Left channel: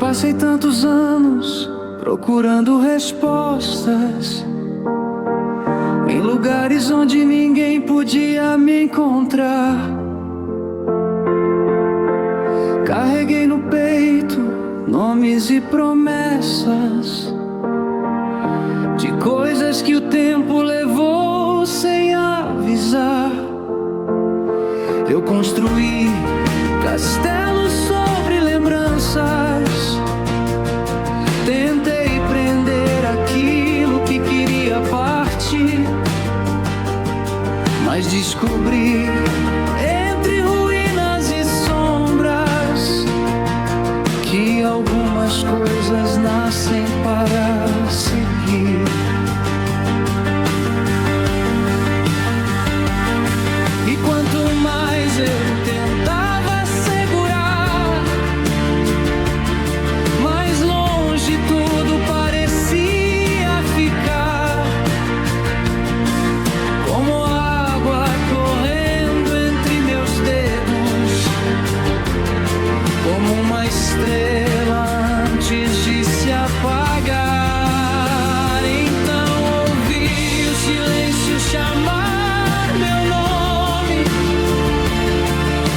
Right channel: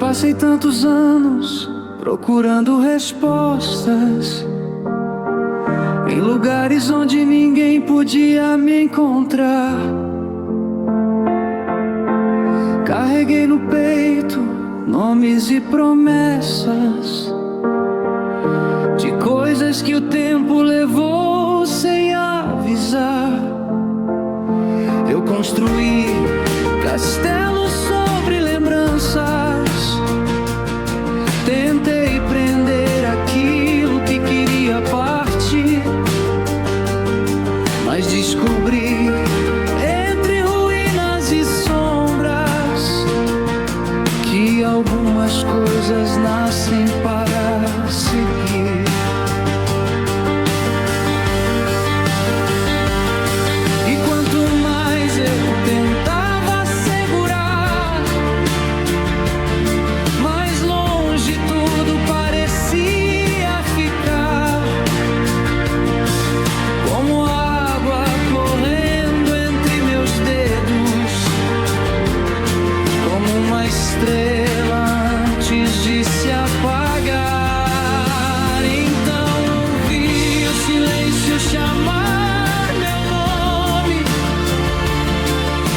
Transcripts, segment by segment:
Passei tantos anos procurando respostas em lugares onde ninguém podia me encontrar. Carreguei no peito nomes e promessas de coisas que o tempo levou sem avisar. Eu construí castelos sobre lembranças, tentei prender aquilo que queria partir, mas descobri entre ruínas e sombras que algumas coisas nascem para seguir. E quanto mais eu tentava segurar, mais longe tudo parecia ficar, como água correndo entre meus dedos, como uma estrela antes de se apagar. Então ouvi o silêncio chamar meu nome,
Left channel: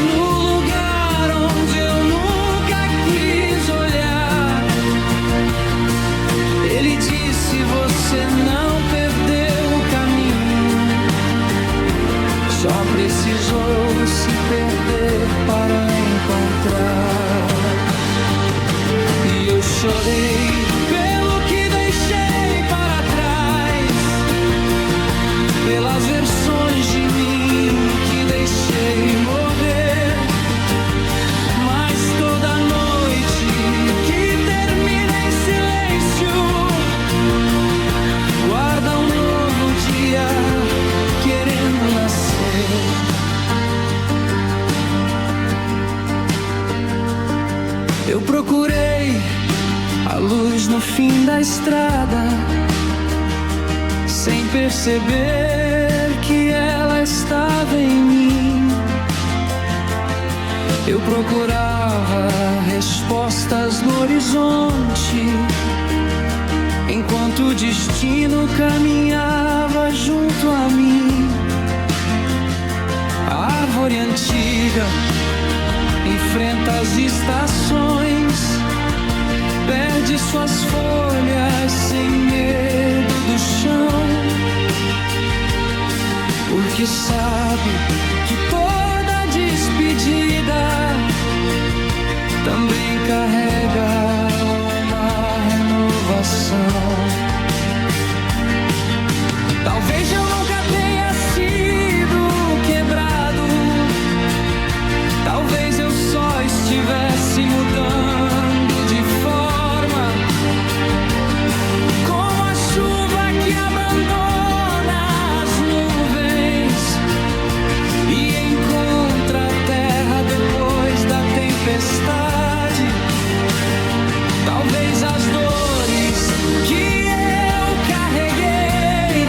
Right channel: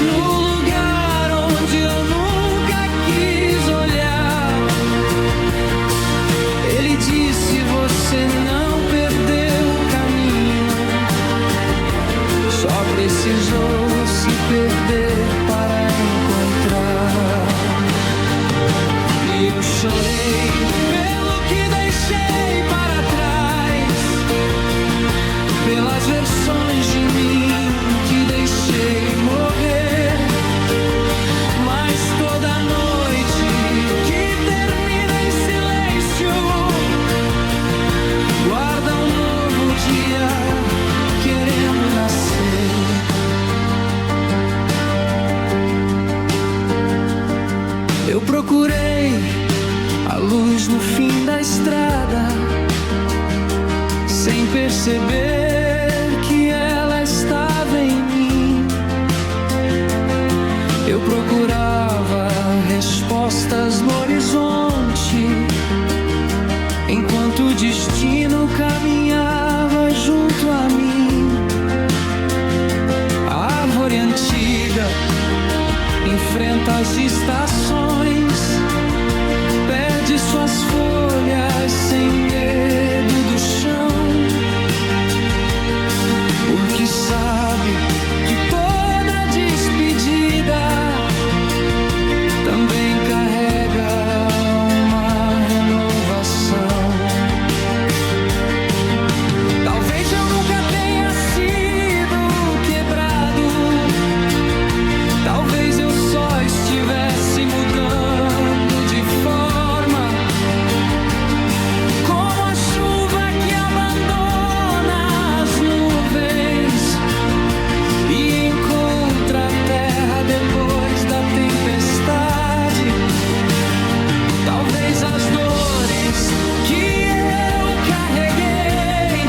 no lugar onde eu nunca quis olhar. Ele disse: você não perdeu o caminho, só precisou se perder para encontrar. E eu chorei pelo que deixei para trás, pelas versões de mim que deixei morrer. Mas toda noite que termina em silêncio guarda um novo dia querendo nascer. Eu procurei a luz no fim da estrada, sem perceber que ela estava em mim. Eu procurava respostas no horizonte, enquanto o destino caminhava junto a mim. A árvore antiga enfrenta as estações, perde suas folhas sem medo do chão, porque sabe que toda despedida também carrega uma renovação. Talvez eu nunca tenha sido quebrado, talvez eu só estivesse mudando de forma, como a chuva que abandona as nuvens e encontra a terra depois da tempestade. Talvez as dores que eu carreguei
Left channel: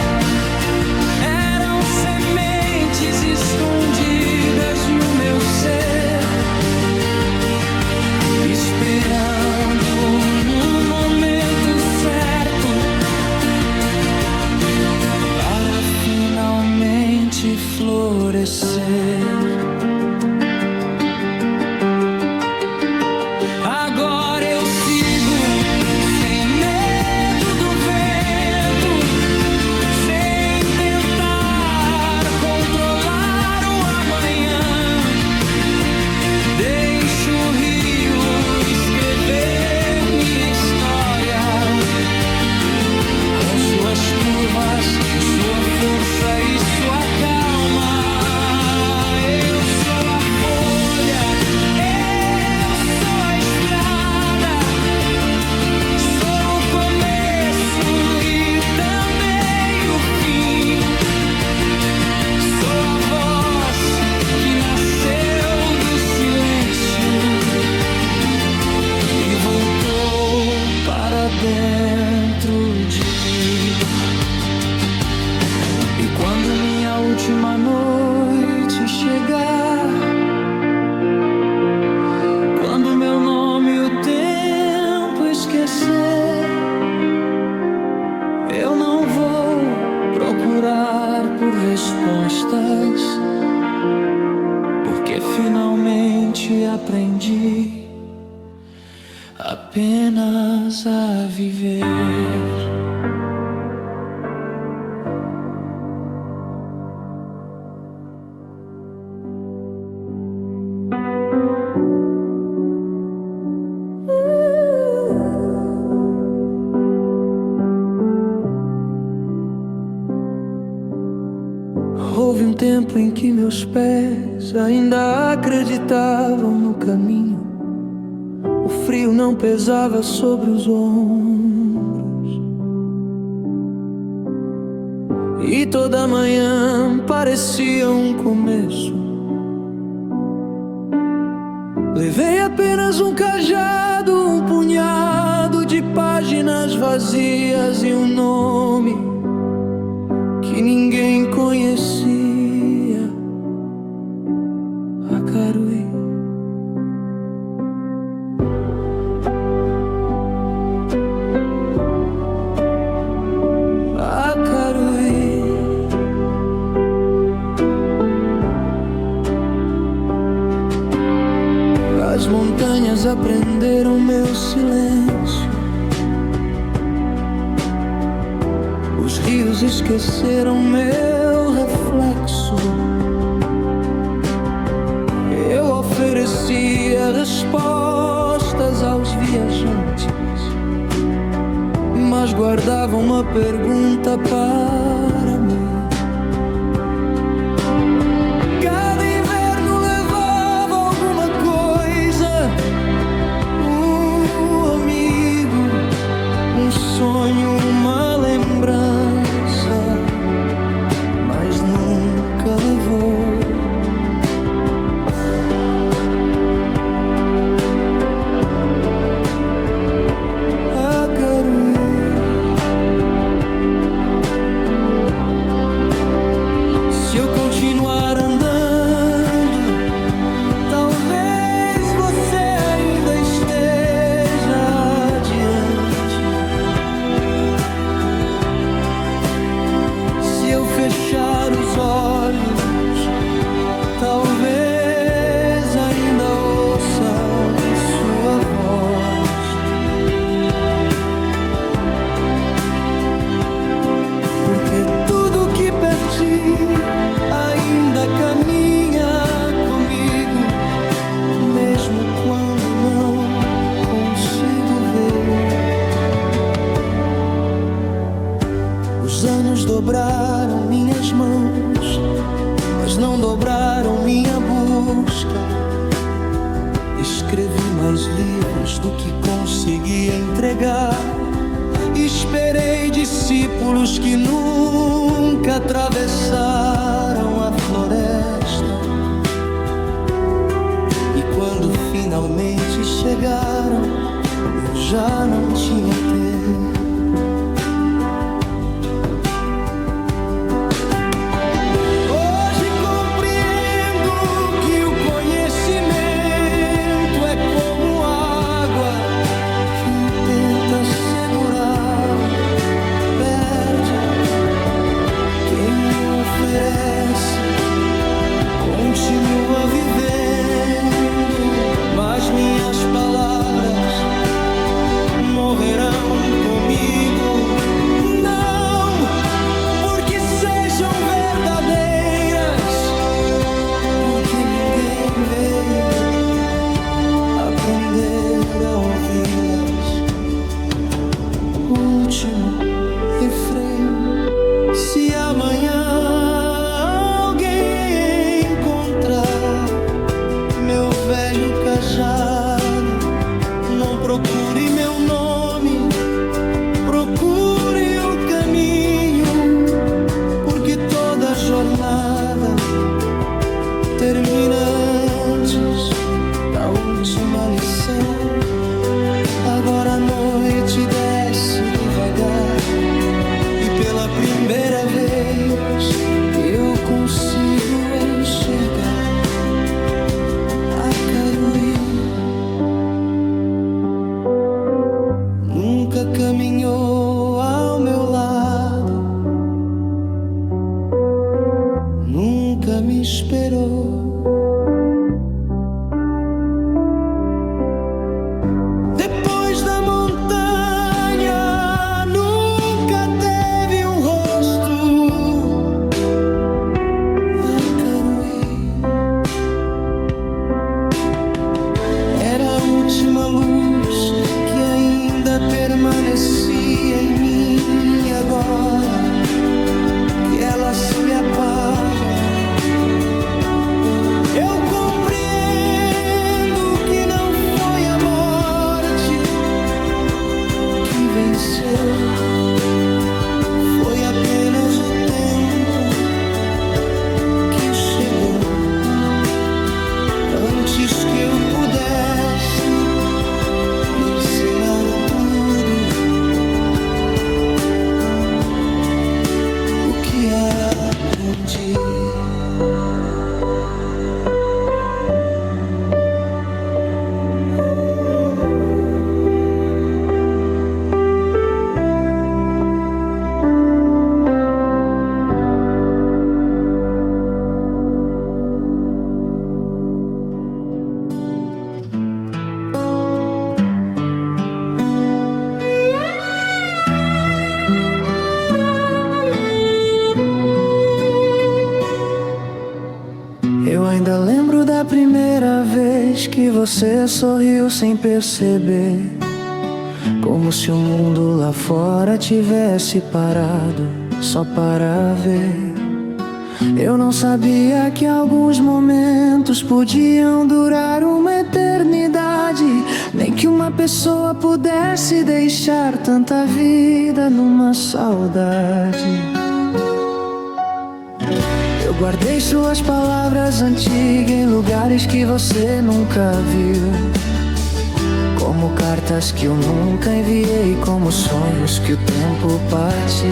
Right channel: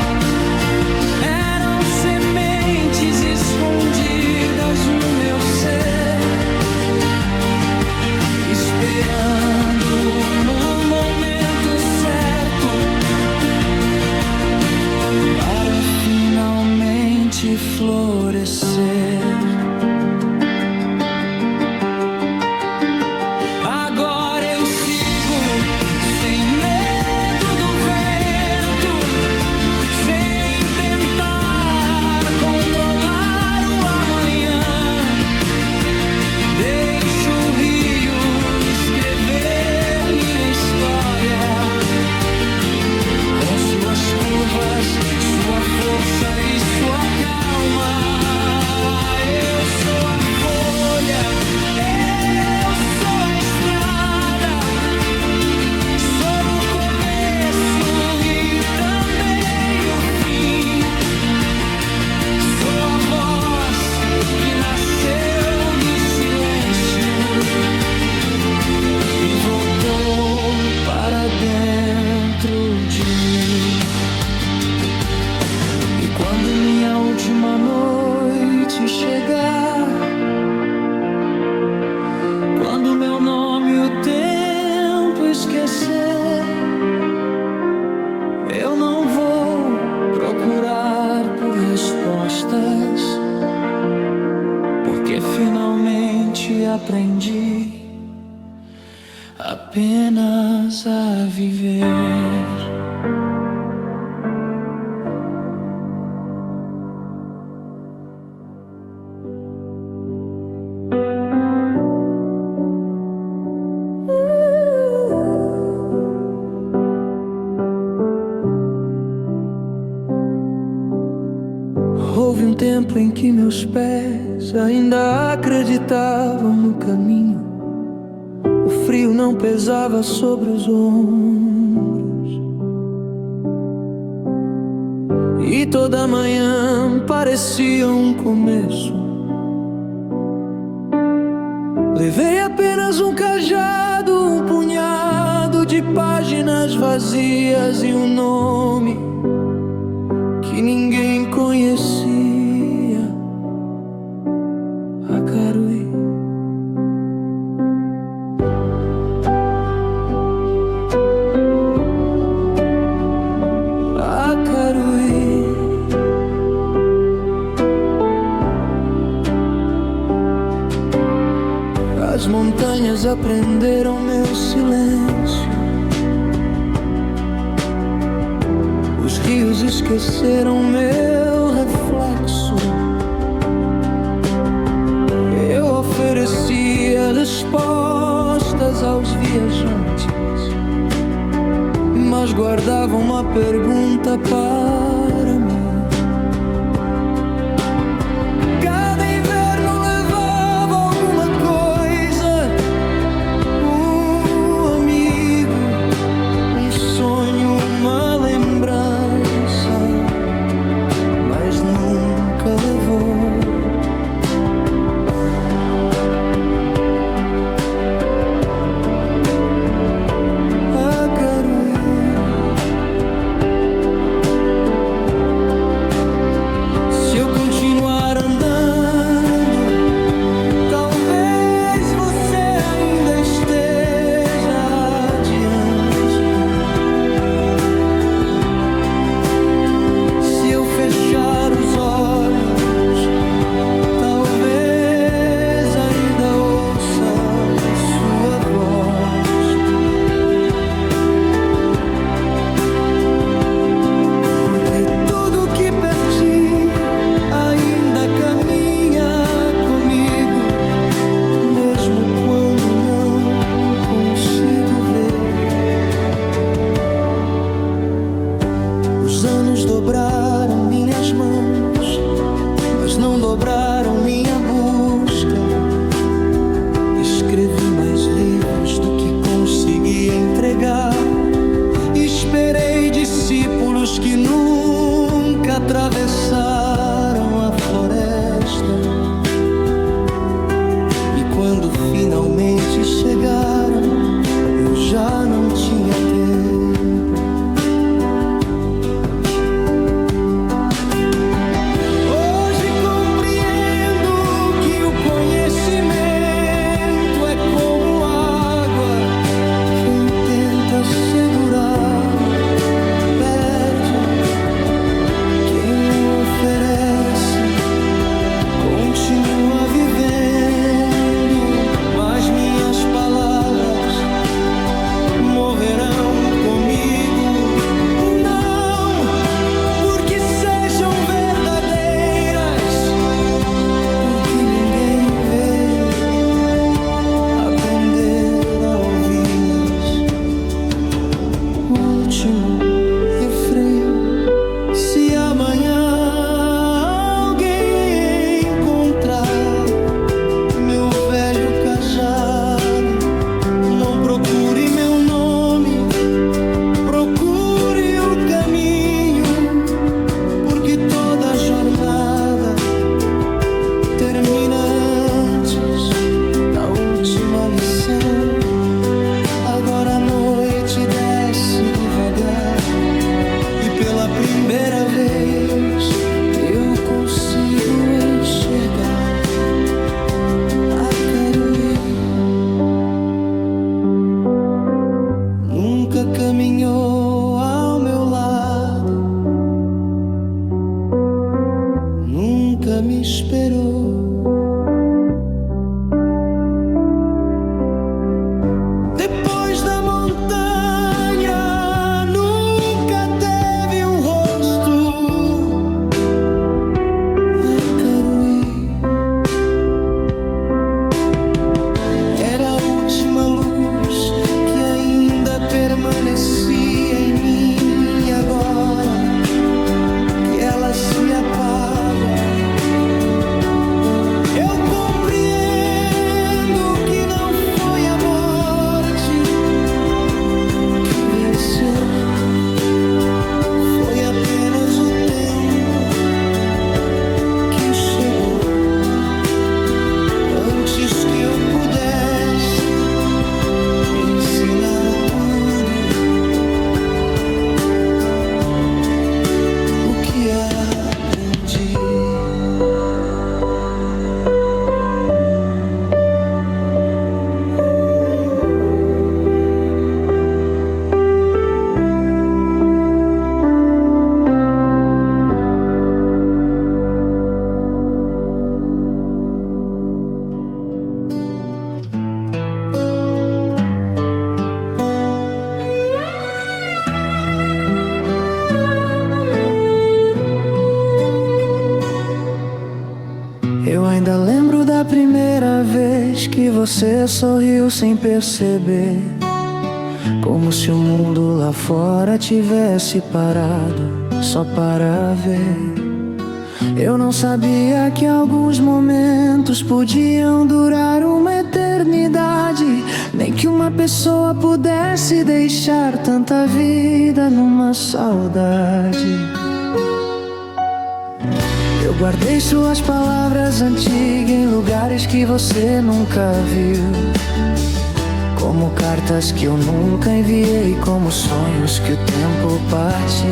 eram sementes escondidas no meu ser, esperando no momento certo para finalmente florescer. Agora eu sigo sem medo do vento, sem tentar controlar o amanhã. Deixo o rio escrever minha história, com suas curvas, sua força e sua calma. Eu sou a folha, eu sou a estrada, sou o começo e também o fim. Sou a voz que nasceu do silêncio e voltou para dentro de mim. E quando minha última noite chegar, quando meu nome o tempo tento esquecer. Eu não vou procurar por respostas, porque finalmente aprendi apenas a viver. Houve um tempo em que meus pés ainda acreditavam no caminho. O frio não pesava sobre os ombros, e toda manhã parecia um começo. Levei apenas um cajado, um punhado de páginas vazias e um nome que ninguém conhecia: Acaruí. Acaruí. As montanhas aprenderam meu silêncio, os rios esqueceram meu reflexo. Eu oferecia respostas aos viajantes, mas guardava uma pergunta para mim. Cada inverno levava alguma coisa, um amigo, um sonho, uma lembrança, mas nunca levou Acaruí. Se eu continuar andando, talvez você ainda esteja adiante. Se eu fechar os olhos, talvez ainda ouça sua voz. Porque tudo que perdi ainda caminha comigo, mesmo quando não consigo ver. Os anos dobraram minhas mãos, mas não dobraram minha busca. Escrevi mais livros do que consegui entregar. Esperei discípulos que nunca atravessaram a floresta, e quando finalmente chegaram, eu já não tinha tempo. Hoje compreendo que o conhecimento é como água. Quem tenta segurá-lo perde. Quem o oferece continua vivendo. Mas minhas palavras morrerão comigo. Não porque sejam verdadeiras, porque ninguém veio aprender a ouvi-las. Último refrém: se amanhã alguém encontrar meu velho cajado, não procure meu nome, procure o caminho, porque toda jornada termina antes da última lição. Agora a noite desce devagar, e pela primeira vez eu consigo enxergar Acaruí. caminhou ao meu lado, nunca me esperou. Depois da montanha, nunca teve um rosto a Caruí. Era a última luz que ainda permanecia em mim. Agora que ela se apaga, eu compreendo que não foi a morte que venceu, foi apenas o tempo que chegou antes que eu pudesse ensinar tudo o que aprendi. Eu ainda lembro da primeira vez que você sorriu sem perceber, como se o mundo lá fora tivesse parado só para ver. Eu não sabia que alguns momentos podiam durar uma eternidade, nem que uma pessoa pudesse deixar tanta vida numa saudade. Eu guardei suas palavras antigas em lugares que você nunca viu, como cartas que eu nunca enviei, como sonhos que o tempo partiu.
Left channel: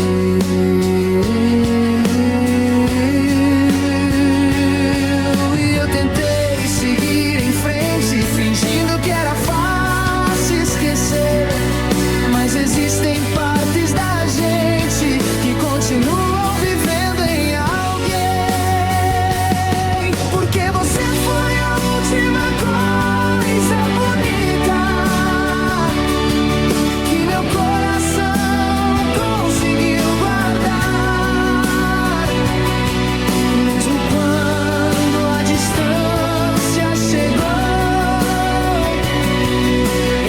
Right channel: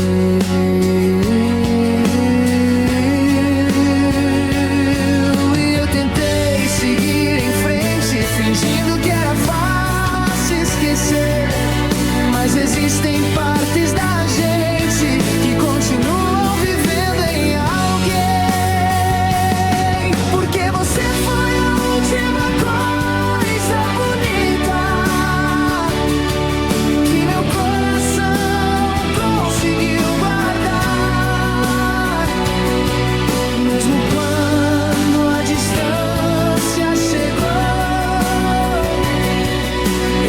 E eu tentei seguir em frente, fingindo que era fácil esquecer, mas existem partes da gente que continuam vivendo em alguém. Porque você foi a última coisa bonita que meu coração conseguiu guardar, mesmo quando a distância chegou,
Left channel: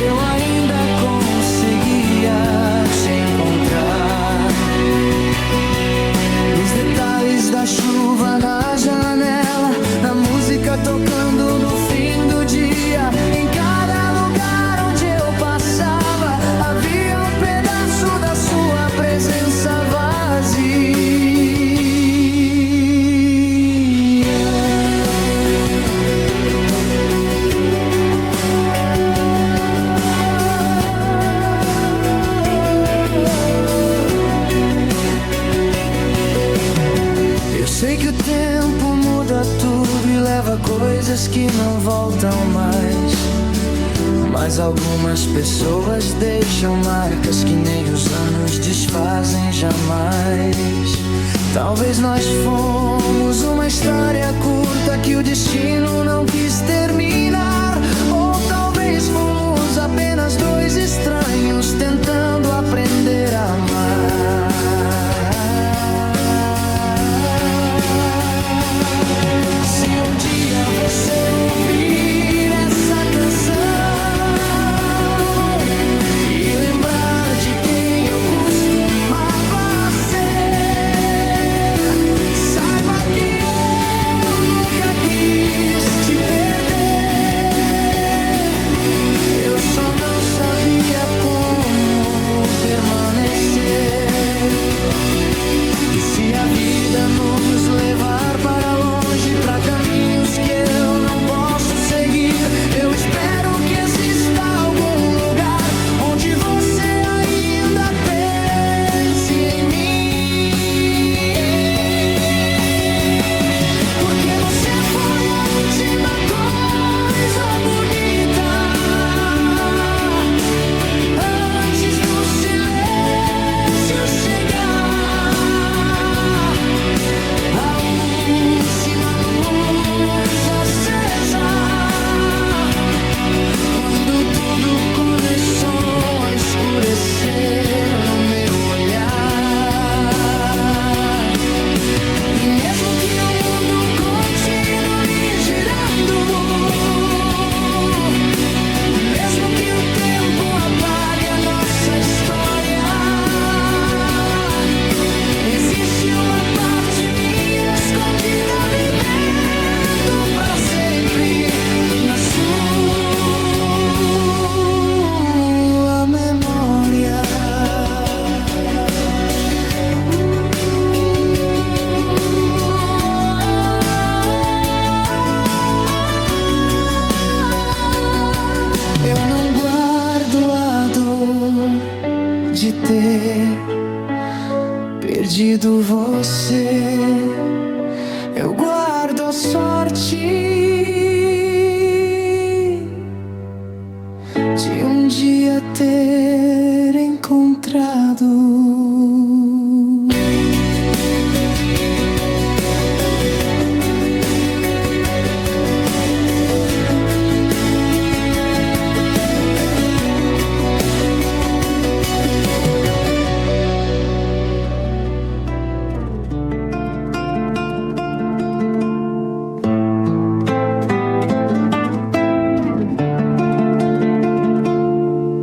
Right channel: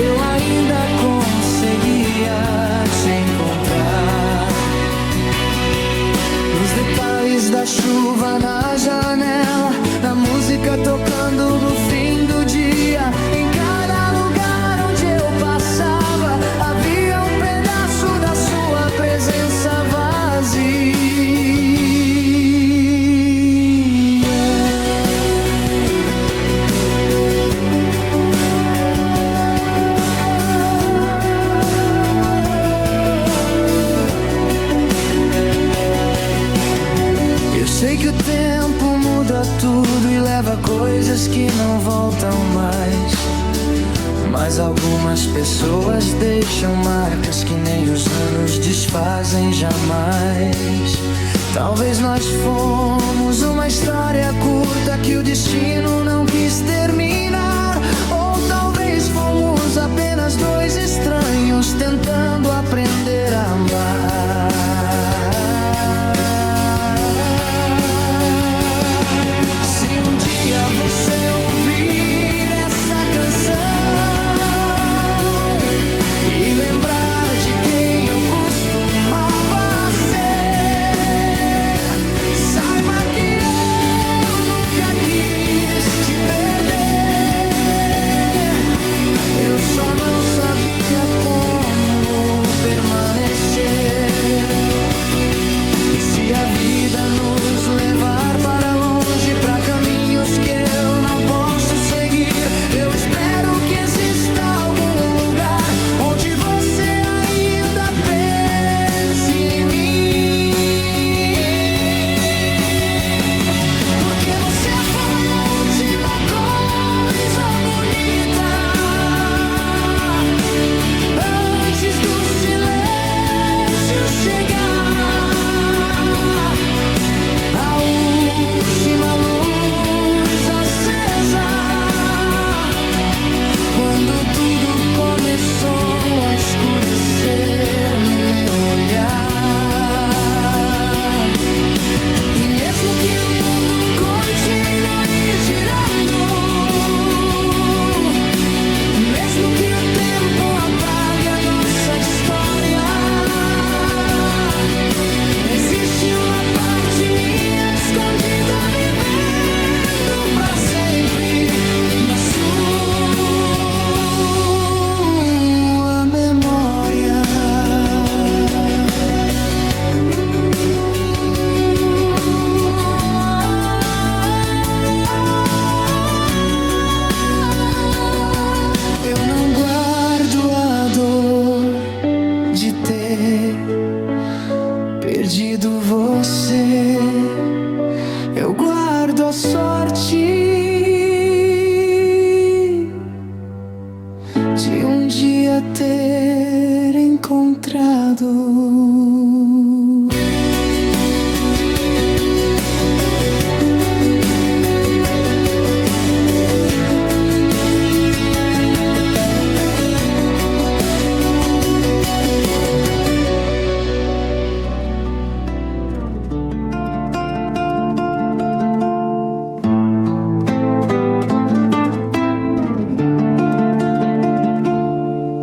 eu ainda conseguia te encontrar. Nos detalhes da chuva na janela, na música tocando no fim do dia, em cada lugar onde eu passava, havia um pedaço da sua presença vazia. Eu sei que o tempo muda tudo e leva coisas que não voltam mais, mas algumas pessoas deixam marcas que nem os anos desfazem jamais. Talvez nós fomos uma história curta que o destino não quis terminar, ou talvez fomos apenas dois estranhos tentando aprender a amar. Você ouvir essa canção e lembrar de quem eu costumava ser, saiba que eu nunca quis te perder. Eu só não sabia como permanecer. E se a vida nos levar para longe, para caminhos que eu não posso seguir, eu espero que exista algum lugar onde você ainda pense em mim. Porque você foi a última coisa bonita antes do seu ter perdido você. Eu guardo a sorte de um dia ter encontrado.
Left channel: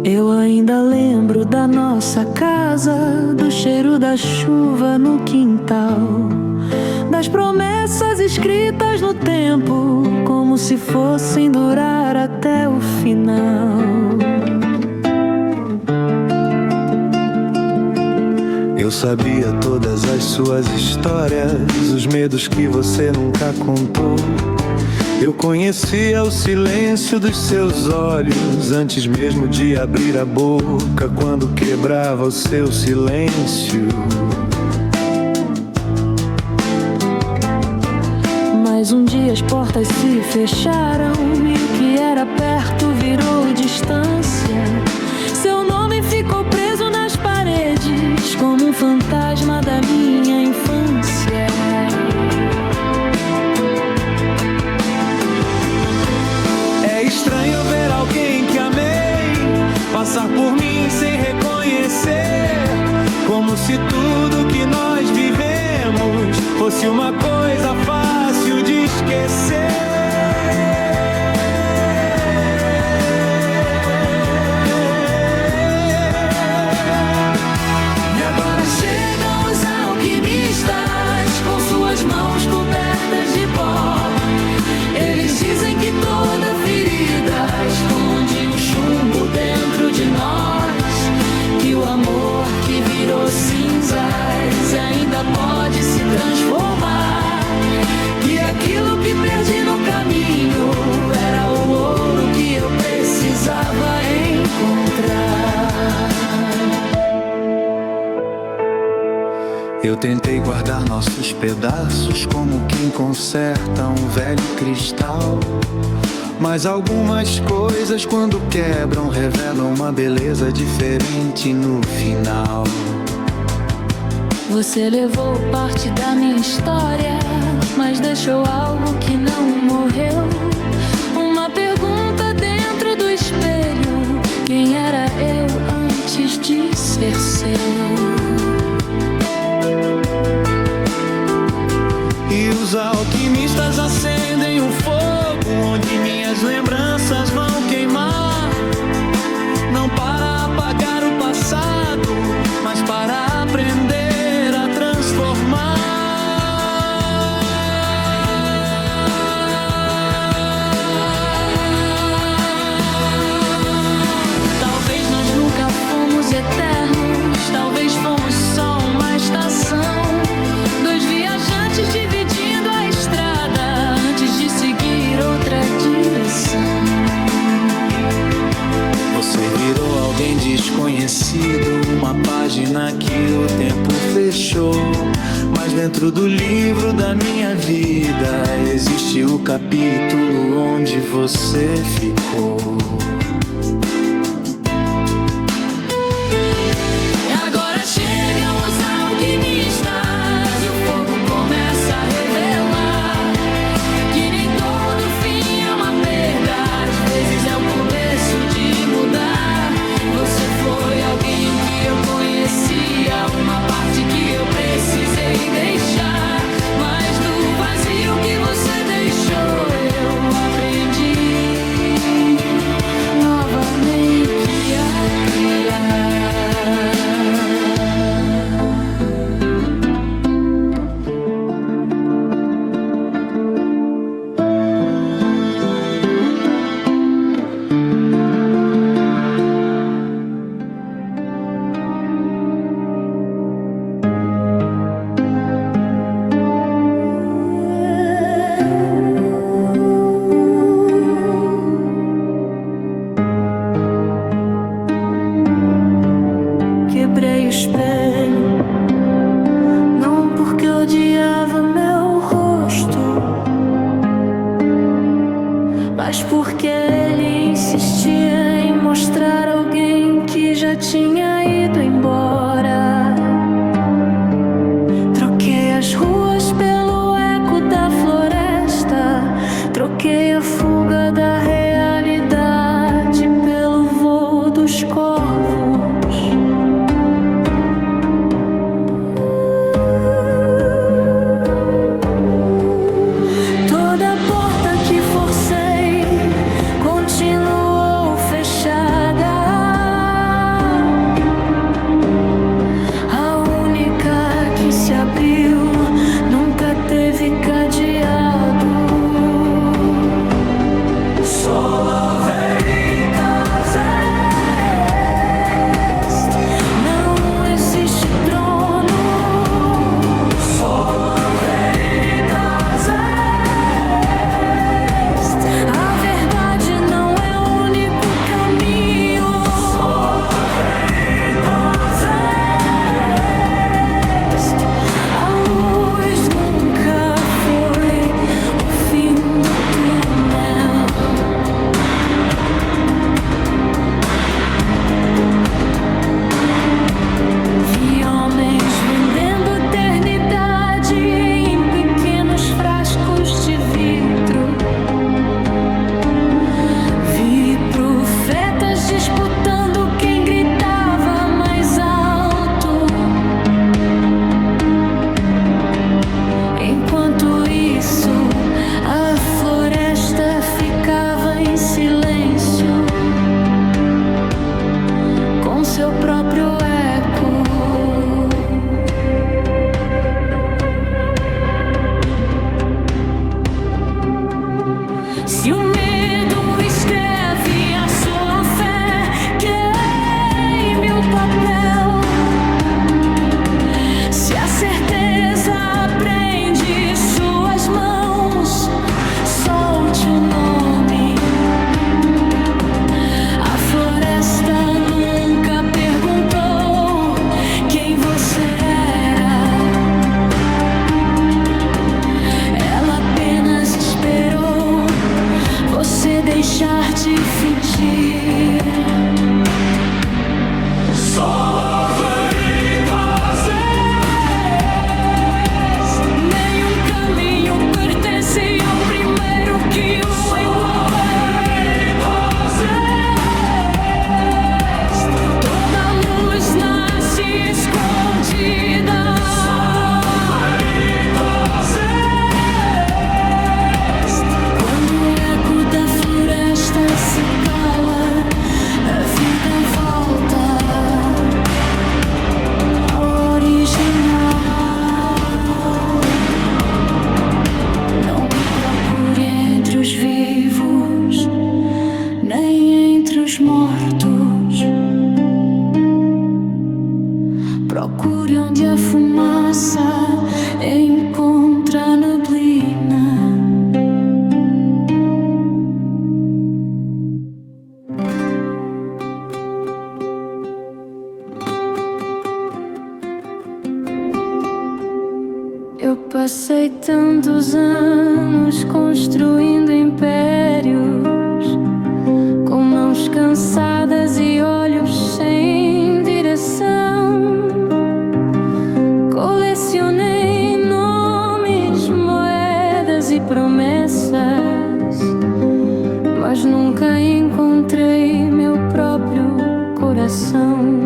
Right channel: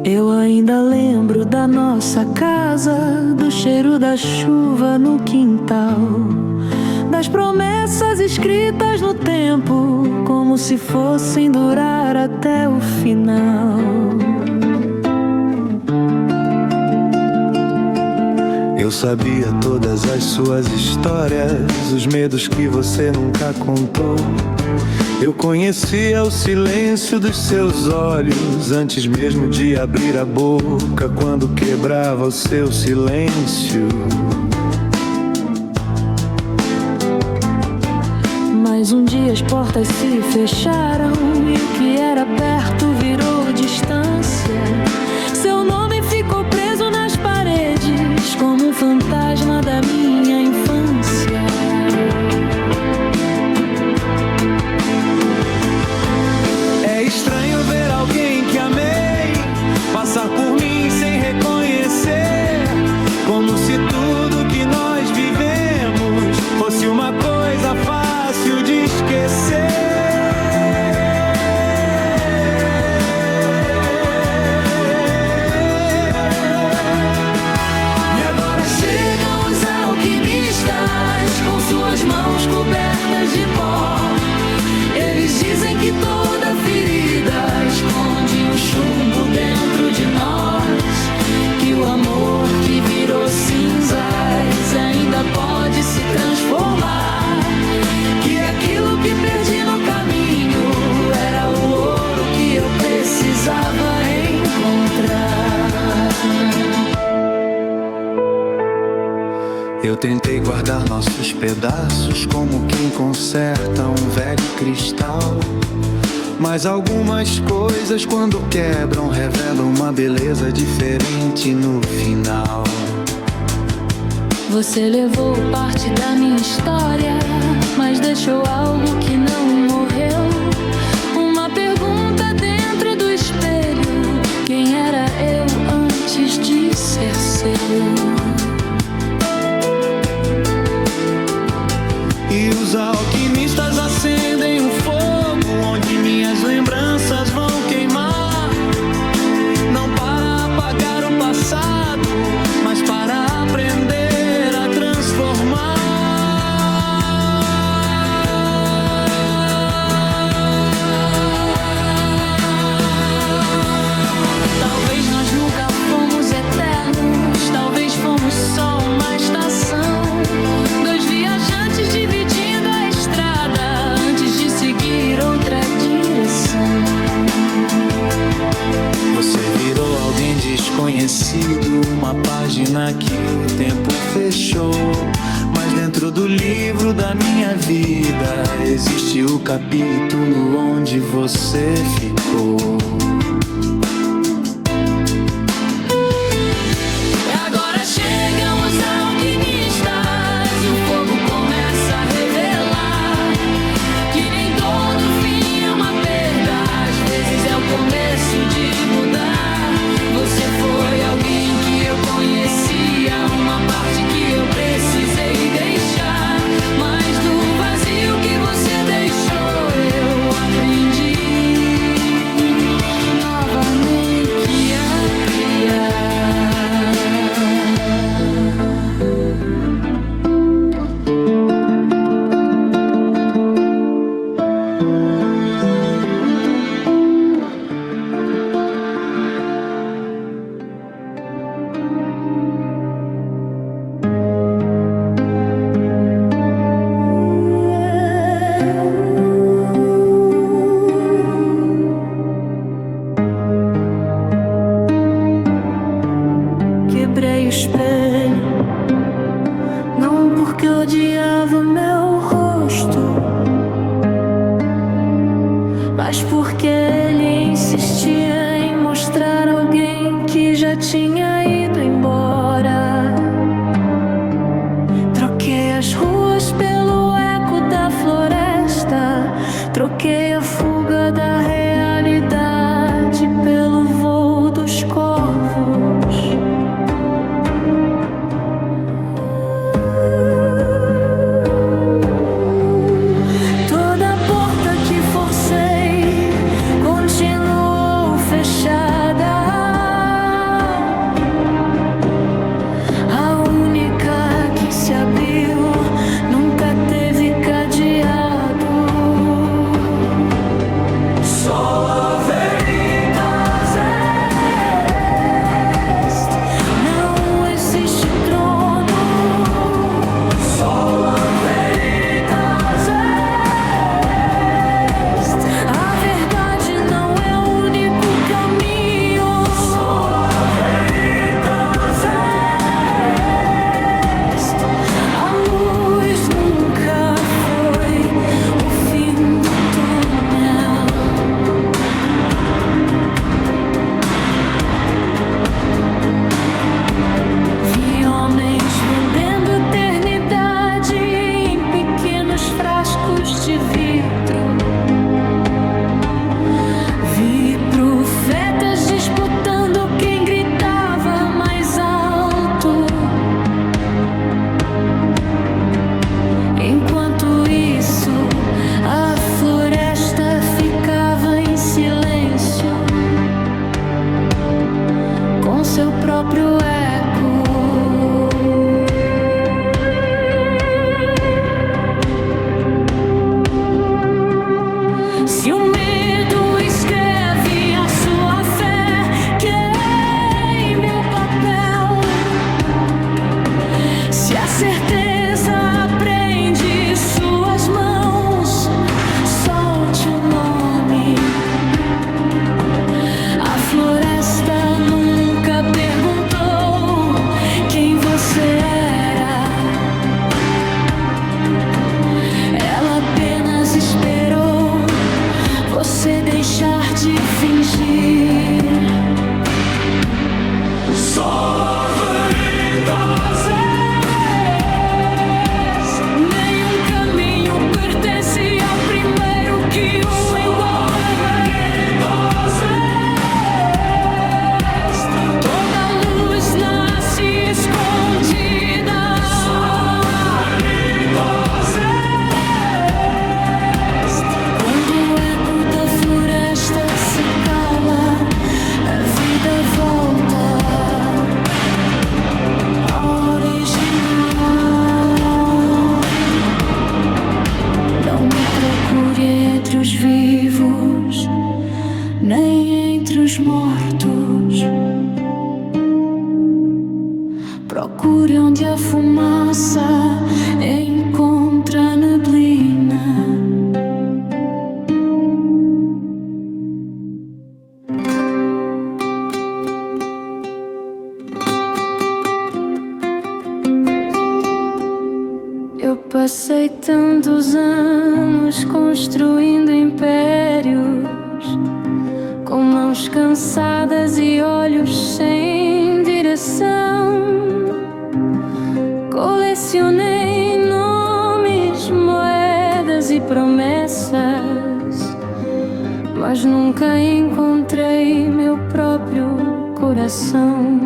Eu ainda lembro da nossa casa, do cheiro da chuva no quintal, das promessas escritas no tempo, como se fossem durar até o final. Eu sabia todas as suas histórias, os medos que você nunca contou. Eu conhecia o silêncio dos seus olhos antes mesmo de abrir a boca, quando quebrava o seu silêncio. Mas um dia as portas se fecharam e o que era perto virou distância. Seu nome ficou preso nas paredes como um fantasma da minha infância. É estranho ver alguém que amei passar por mim sem reconhecer, como se tudo que nós vivemos fosse uma coisa fácil de esquecer. E agora chegam os alquimistas com suas mãos cobertas de pó. Eles dizem que toda ferida esconde um chumbo dentro de nós, que o amor que virou cinzas ainda pode se transformar, que aquilo que perdi no caminho era o ouro que eu precisava encontrar. Eu tentei guardar nossos pedaços como quem conserta um velho cristal, mas algumas coisas quando quebram revelam uma beleza diferente no final. Você levou parte da minha história, mas deixou algo que não morreu. Uma pergunta dentro do espelho: quem era eu antes de ser seu? E os alquimistas acendem um fogo onde minhas lembranças vão queimar, não para apagar o passado, mas para aprender a transformar. Talvez nós nunca fomos eternos, talvez fomos só uma estação, dois viajantes dividindo a estrada antes de seguir outra direção. Você virou alguém desconhecido, uma página que o tempo fechou, mas dentro do livro da minha vida existe o capítulo onde você ficou. Começo de mudar. Você foi alguém que eu conhecia, uma parte que eu precisei deixar, mas do vazio que você deixou eu aprendi novamente a criar. mostrava meu rosto, mas porque ele insistia em mostrar alguém que já tinha ido embora. Troquei as ruas pelo eco da floresta, troquei a fuga da realidade pelo voo dos corvos. Toda porta que forcei continuou fechada. A única que se abriu nunca teve cadeado. Sola veritas est, não existe trono. Sola veritas est, a verdade não é o único caminho. Sola veritas est, a luz nunca foi o fim do túnel. Vi homens vendendo eternidade em pequenos frascos de vidro. Vi profetas disputando quem gritava mais alto. Enquanto isso, a floresta ficava em silêncio, com seu próprio eco. Se o medo escreve a sua fé, queime o papel. Se a certeza prende suas mãos, solte o nome. A floresta nunca perguntou quem você era. Ela apenas esperou você deixar de fingir. Sola veritas est, nenhum caminho pertence ao primeiro que o envolve. Toda luz nasce escondida. Quando o eco da floresta se cala, a vida volta ao original. Não me procure entre os vivos, nem entre os mortos. Procure onde a fumaça encontra a neblina. Eu passei tantos anos construindo impérios, com mãos cansadas e olhos sem direção. Colecionei nomes, moedas e promessas, mas nunca encontrei meu próprio coração.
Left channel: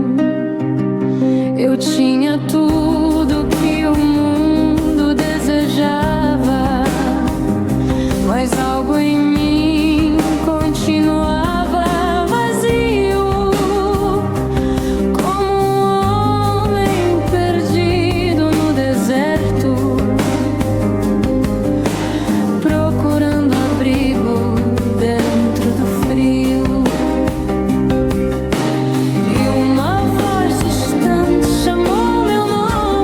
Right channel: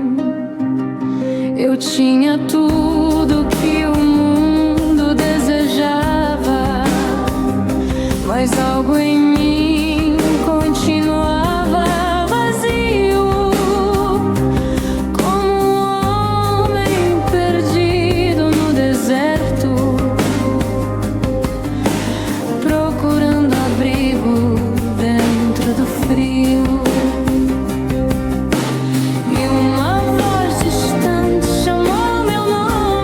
Eu tinha tudo que o mundo desejava, mas algo em mim continuava vazio, como um homem perdido no deserto, procurando abrigo dentro do frio. E uma voz distante chamou meu nome.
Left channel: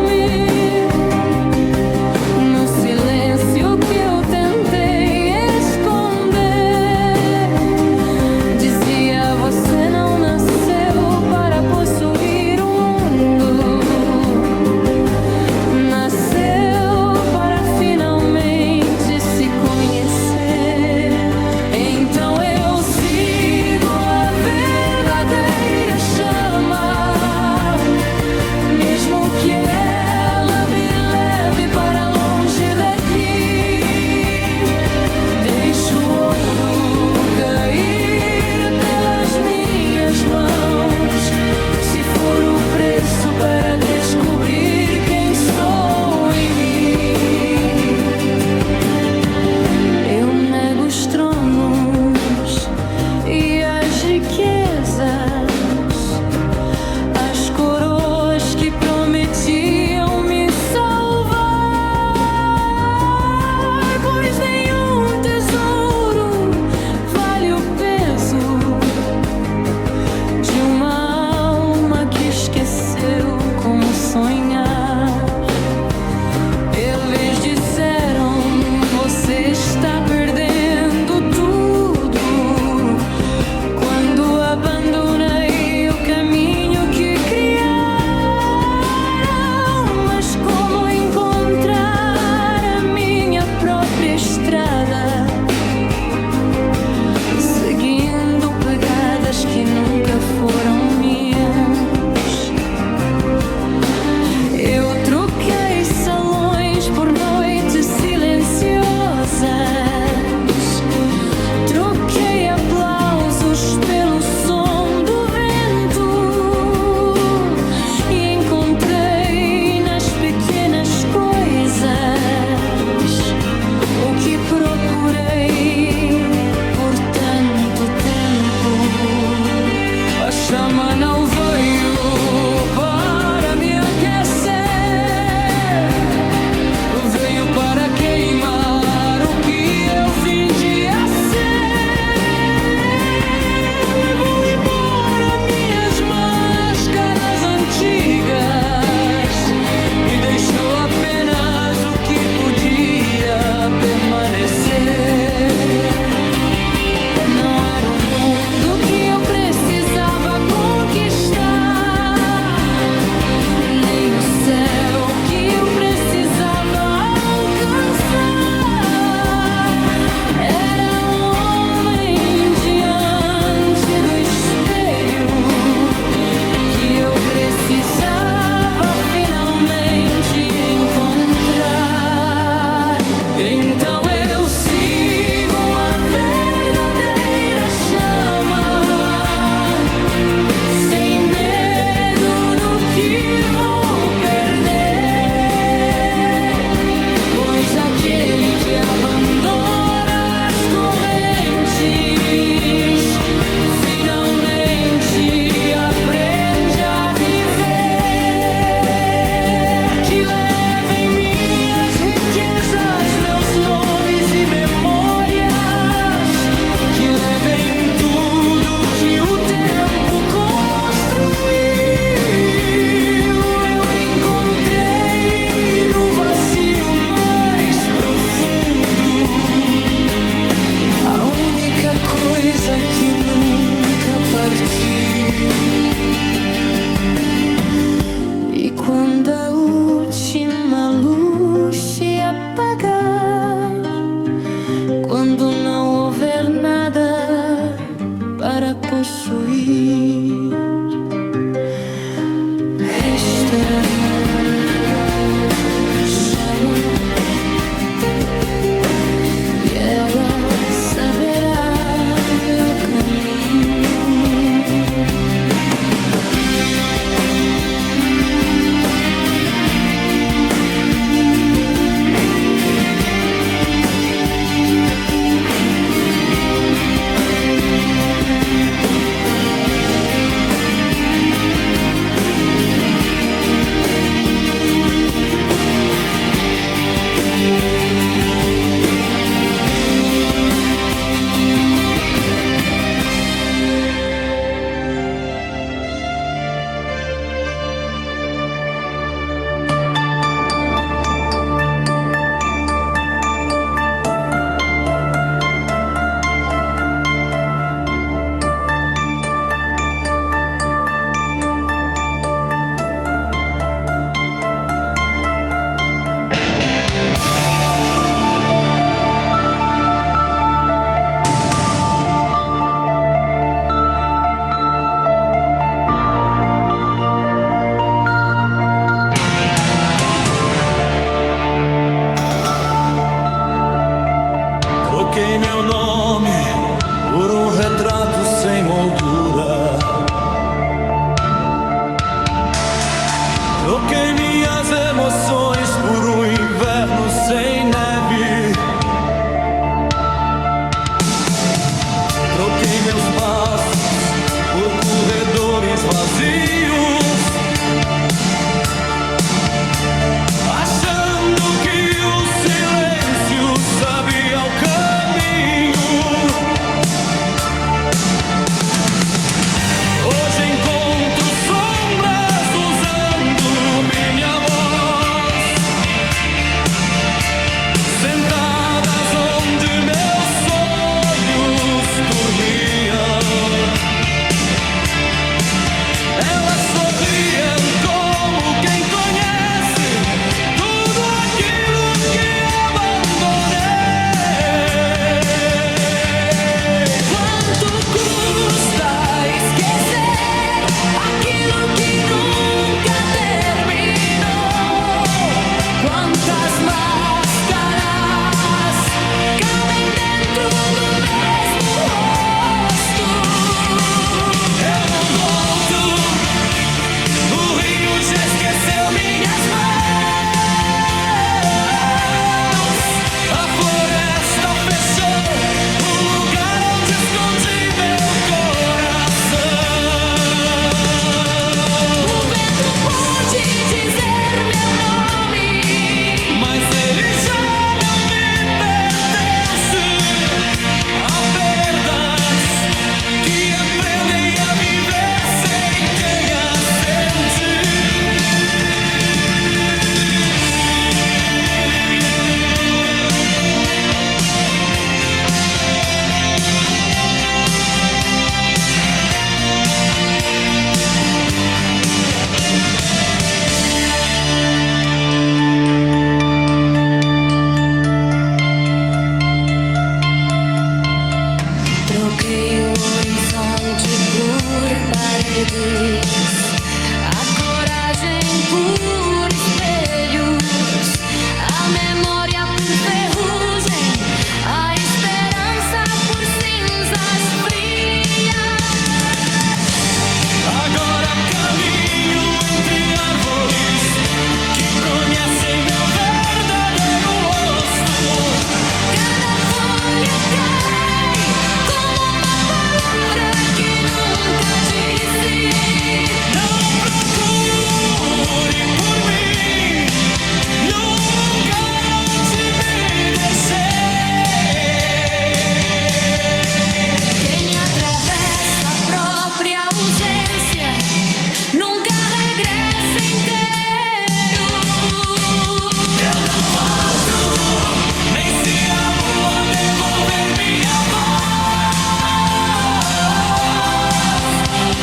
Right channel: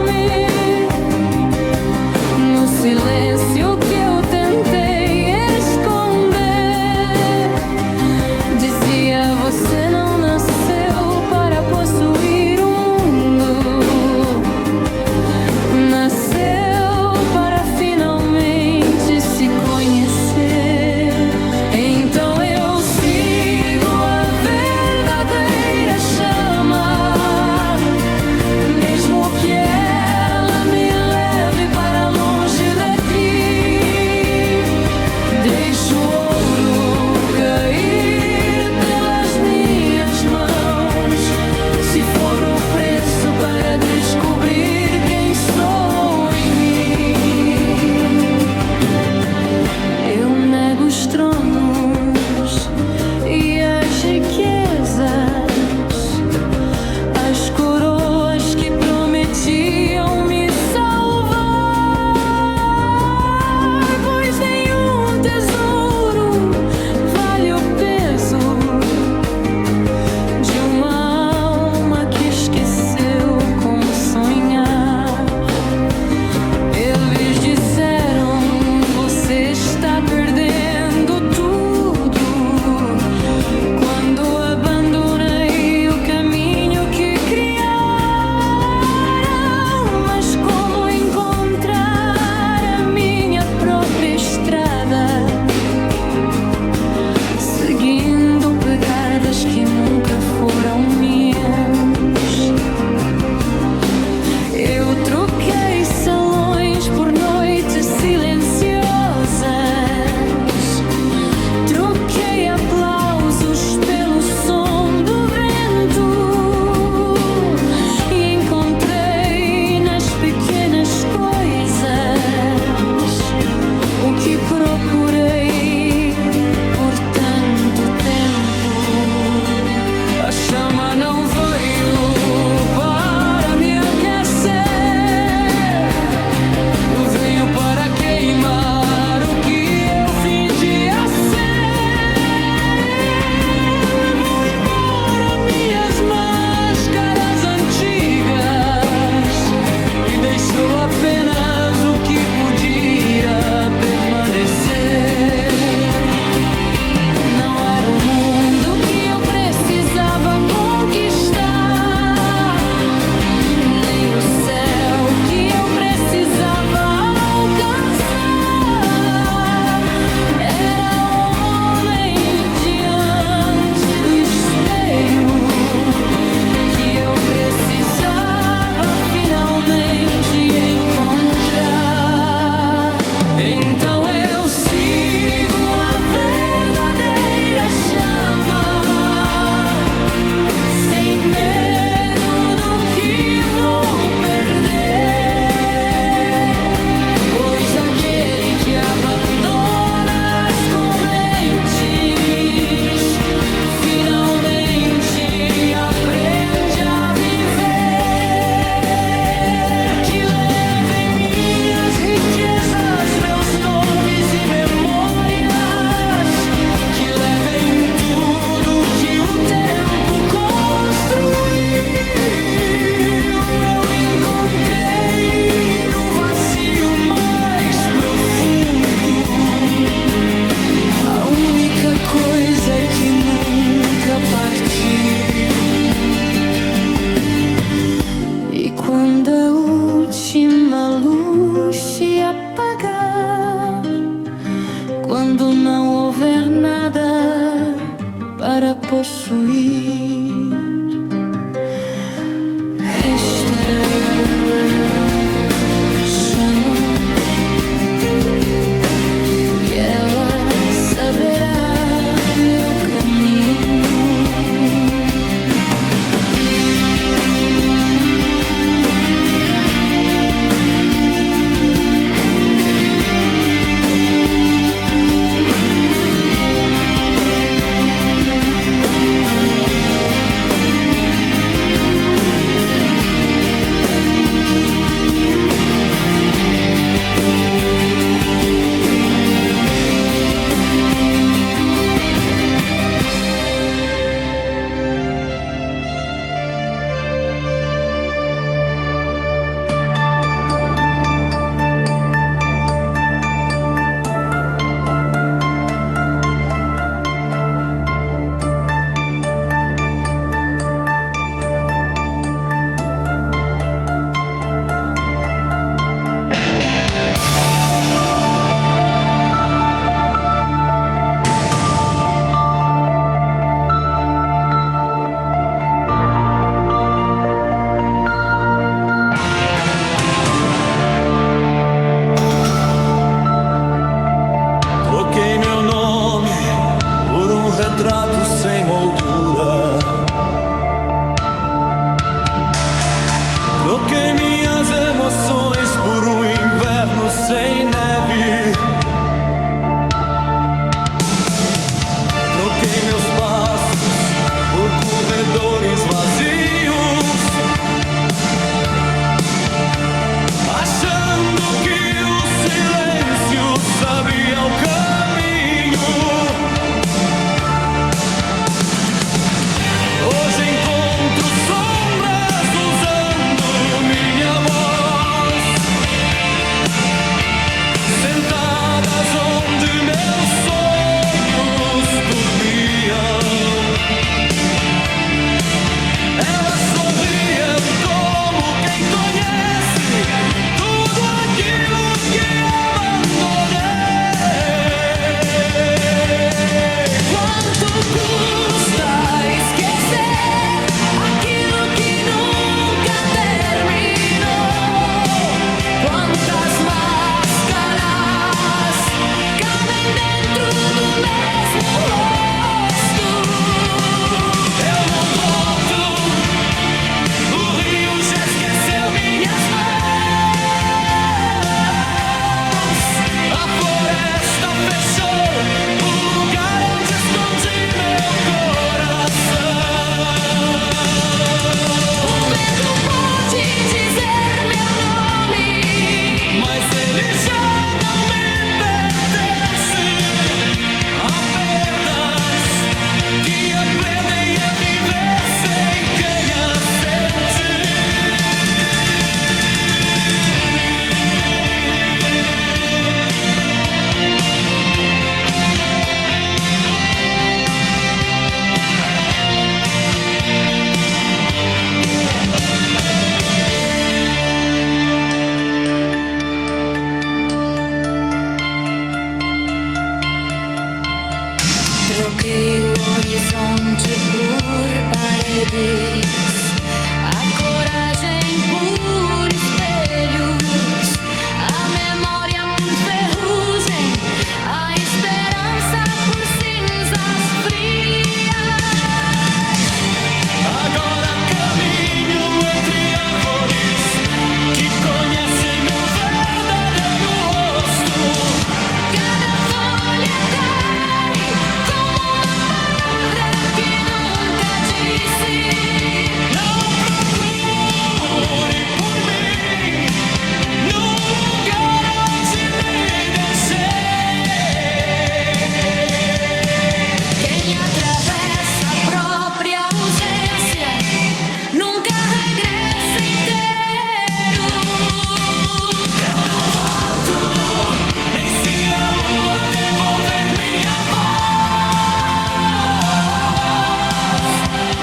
procurei por tanto tempo. A chama não veio para me aquecer, veio para queimar o que eu fingia ser. Levou embora minhas máscaras antigas e deixou apenas o que podia permanecer. Não era o mundo que eu precisava conquistar, nem o céu que eu precisava alcançar. Era um homem diante do espelho que eu precisava finalmente encontrar. Então eu sigo a verdadeira chama, sem medo do que vou perder, pois aquele que abandona as correntes finalmente aprende a viver. Que levem minhas riquezas, meus nomes e memórias, que levem tudo que o tempo construiu. Eu encontrei no vazio mais profundo a única coisa que nunca partiu. E quando a última luz se apagar, quando não houver nada para possuir, restará a chama e ela saberá meu caminho. Troquei meu nome por um retrato sem moldura. Troquei minhas emoções por um inverno sem neve. Troquei meus passos por corredores vazios, achando que o silêncio sabia o caminho. Hoje encontro sombras usando minha voz, sentadas onde meus sonhos dormiam. Elas Troquei o horizonte por paredes, a coragem por espelhos, a memória por ferrugem, a esperança por cinzas frias. Agora caminho entre árvores que conhecem meu verdadeiro rosto. Cada folha cai como uma palavra que nunca disse. Não procure por mim num lugar onde me deixei. Quem atravessa a própria ausência nunca regressa inteiro. Eu não volto, nem se a lua devolver minha voz.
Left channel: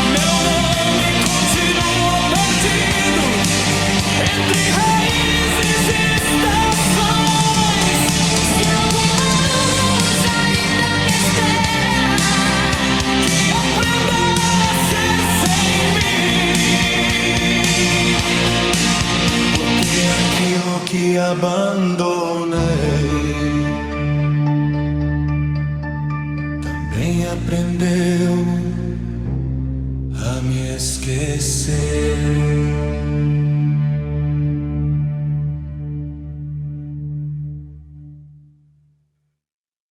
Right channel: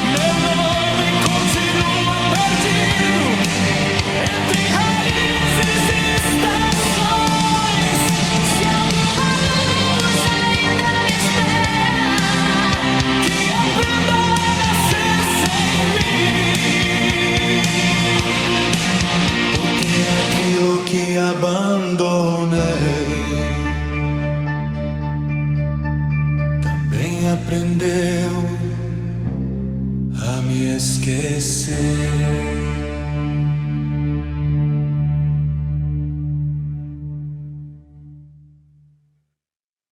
Meu nome continua perdido entre raízes e estações. Se alguma luz ainda me espera, Que aprenda a nascer sem mim. Porque aquilo que abandonei também aprendeu a me esquecer.